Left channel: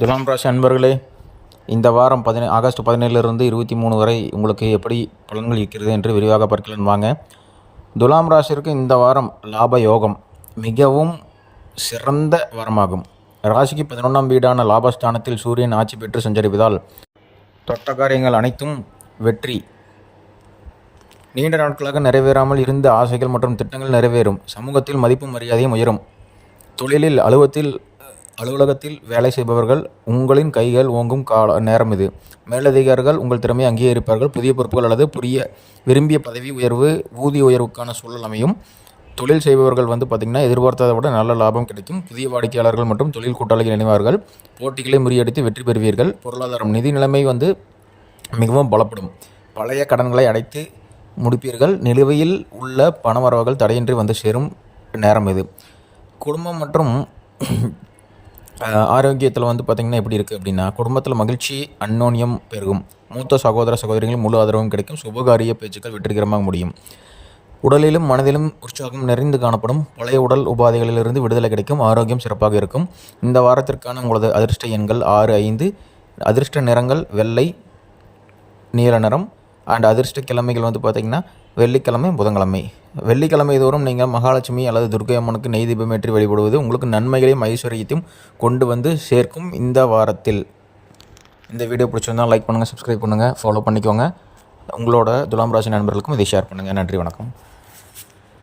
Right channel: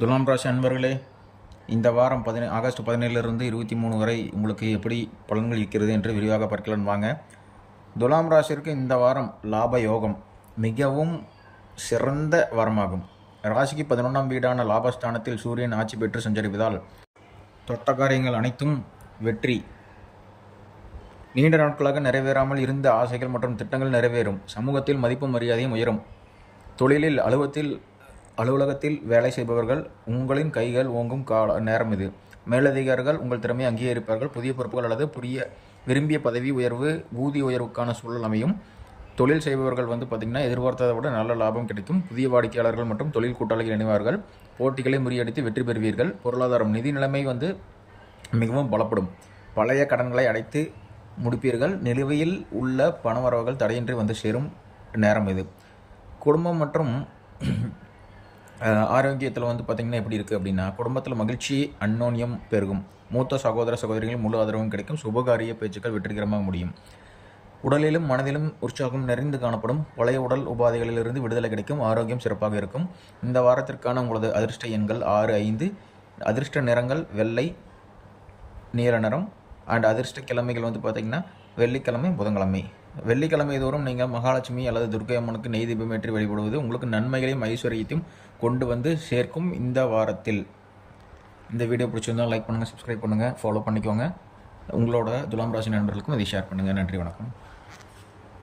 துலாம் ராசி அன்பர்களே, இந்த வாரம் ஆகஸ்ட் 17 23 வரை உங்களுக்கு எப்படி பலன்கள் இருக்கிறது என்று விரிவாக பார்க்கலாம் வாங்க. துலாம் ராசிற்கு இந்த வாரம் லாப யோகம் மிகவும் சிறந்த வாரமாகும். ராசிக்கு 11ஆம் வீடான லாபஸ்தானத்தில் சூரியன் ஆட்சி பெற்று சஞ்சரிப்பதால் தொட்ட காரியங்கள் அனைத்தும் வெற்றி. நீண்ட நாட்களாக நிறைவேறாமல் இருந்த ஆசைகள் மற்றும் திட்டங்கள் நிறைவேறும். சமூகத்தில் மதிப்பு மரியாதையும் உயரும். தொழிலில் அலுவலகத்தில் வேலை செய்பவர்கள் உங்களின் கைகள் ஓங்கும் நேரம் இது. மேலதிகாரிகள் உங்கள் திறமையை அங்கீகரிப்பார்கள். புதிய பொறுப்புகள் அல்லது விரும்பிய பதவி உயர்வு, ஊதிய உயர்வுக்கான சூழல் அமையும். தொழில் செய்பவர்கள் பார்த்திங்கன்னா எதிர்பார்த்ததை விட நல்ல லாபம் கிடைக்கும். புதிய வாடிக்கையாளர்கள் மற்றும் தொழில் கூட்டாளிகள் இணைவார்கள். போட்டிகளை முறியடித்து வெற்றி பெறுவீர்கள். பொருளாதாரம் நிதி நிலைமை மிகவும் பலப்படும். பழைய கடன்களை அடைத்து முடிப்பீர்கள். நிலுவையில் உள்ள பணவரவுகள் தடையின்றி வந்து சேரும் நேரம் இது. குடும்பம் மற்றும் ஆரோக்கியத்தில் பார்த்திங்கன்னா எப்படி இருக்குது அப்படின்னா, குடும்பத்தில் மகிழ்ச்சி அந்யோன்யம் பெருகும். மூத்த சகோதர சகோதரிகள் முழு ஆதரவும் கிடைக்கும். சுபகாரிய பேச்சுக்கள் வெற்றிகரமாக முடியும். உடலிலும் மனதிலும் உற்சாகம் நிறைந்து காணப்படும். பழைய உடல் உபாதைகளிலிருந்து விடுதலை கிடைக்கும். ஆரோக்கியம் சிறப்பாக இருக்கும். இந்த வாரத்திற்கான உங்களது அதிர்ஷ்ட எண்கள் 6, 5. அதிர்ஷ்ட நிறங்கள் வெள்ளை, நீல நிறம். அண்ட் அதிர்ஷ்ட கிழமைகள் பார்த்திங்கன்னா வெள்ளிக்கிழமை, புதன்கிழமை. வெள்ளிக்கிழமை தோறும் நீங்கள் மகாலட்சுமி அல்லது துர்க்கை அம்மனுக்கு நெய் தீபமேற்றி வழிபடுவது உங்களுக்கு நன்மைகளையும் ஐஸ்வர்யத்தையும் கொண்டு சேர்க்கும். இந்த வாரத்தில் இந்த வீடியோ பிடிச்சிருந்தால் லைக் பண்ணுங்கள், சப்ஸ்கிரைப் பண்ணுங்கள், ஃபாலோ பண்ணிக்கோங்க. உங்களோட துலாம் ராசி நண்பர்களுக்கும் இதை ஷேர் பண்ணுங்கள். நன்றி, வணக்கம்.